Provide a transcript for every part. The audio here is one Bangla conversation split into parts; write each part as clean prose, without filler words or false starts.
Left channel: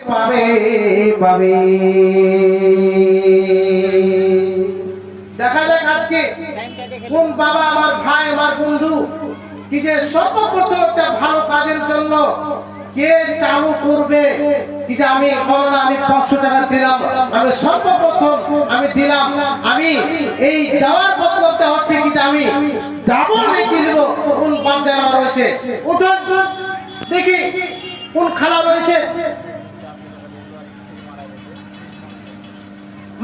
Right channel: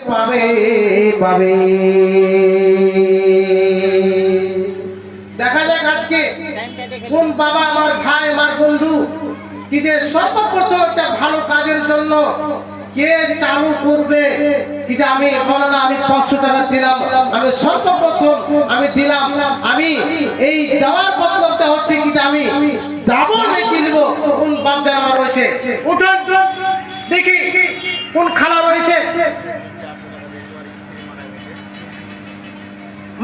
পাবে পাবে। দেখা যাক আজকে কোন বাবা, আমার ভাই, আমার বন্ধু কি যে সর্বপ্রথম একটা ভালো কাজের জন্য কে চালু করবে। কি যে আমি আমি 500 টাকা দিলাম, আমি সর্বপ্রথম আমি দিলাম, আমি এই দেওয়ার বদলটা হচ্ছে কি যে আমি ডাবল রেখে দিব। কোন বাপ জানা রয়েছে? উঠুন দেখি কোন খালা রয়েছে।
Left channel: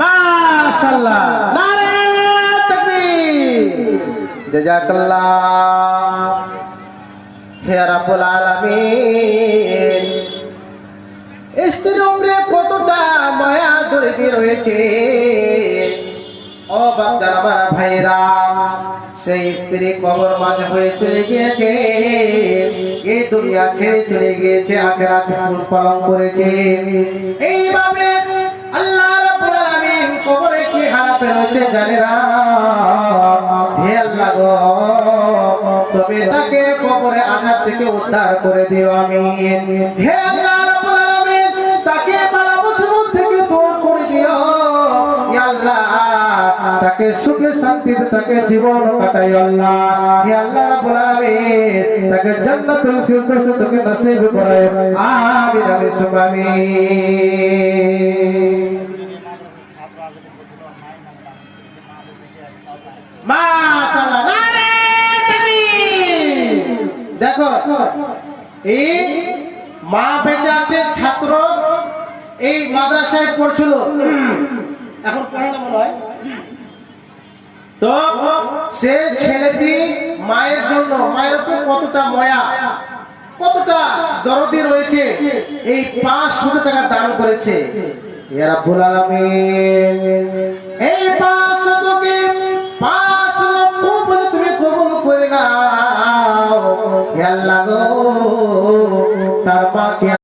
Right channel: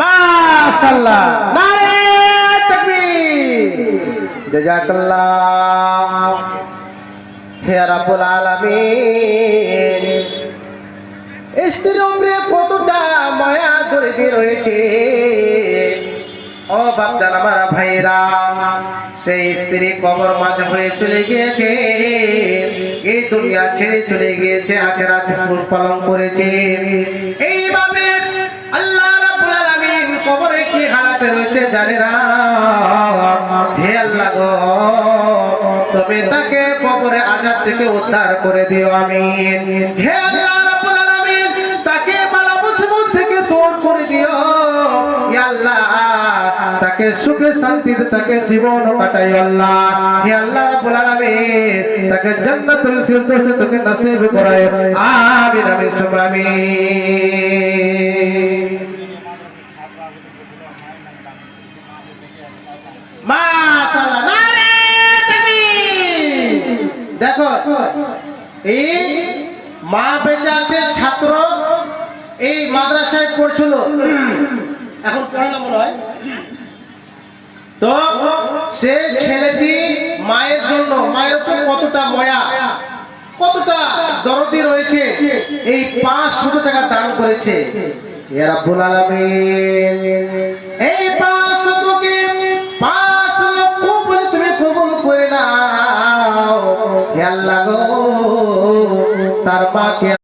মাশাআল্লাহ, নারে তাকবীর, জাযাকাল্লাহ হে রাব্বুল আলামিন। স্ত্রীর উপরে কতটা মায়া দরদি রয়েছে। ও বাপজান, আমার ভাইরা, সেই স্ত্রী কবর মাঝ হয়ে চলে গিয়েছে, এই দুনিয়া ছেড়ে চলে গিয়েছে, আখিরাত পালন করেছে। এইভাবে আল্লাহ রাব্বুল আলামিন কবরে কি হালাতে রয়েছে জানে না। হে আল্লাহ গো, তবে তাকে কবরে আযাব থেকে উদ্ধার করে দিও, আমিন। হে আল্লাহ রাব্বুল আলামিন, তাকে বালা মুসিবত থেকে দূর করে দিও, হে আল্লাহ। তাকে সুখে শান্তিতে তাকে জীবন কাটাই আল্লাহ। হে আল্লাহ রাব্বুল আলামিন, তাকে জান্নাতুল ফিরদৌস থেকে নসিব করায়, আমিন আমিন সুম্মা আমিন। মাশাআল্লাহ, নারে তাকবীর। দেখো, এই মা বেঁচে আছে, ছাত্র এই মাদ্রাসায় পড়ছিল, এখন পড়ে না মনে হয়। তো সে ছেলেটি মায়ের জন্য, মায়ের উপর কতটা মায়া, কতটা দরদি রয়েছে, এই 500 টাকা দান করেছে। হে রাব্বুল আলামিন, এই 500 কে 5 লক্ষ বলে তুমি কবুল করে নাও, হে আল্লাহ গো। তার মাকে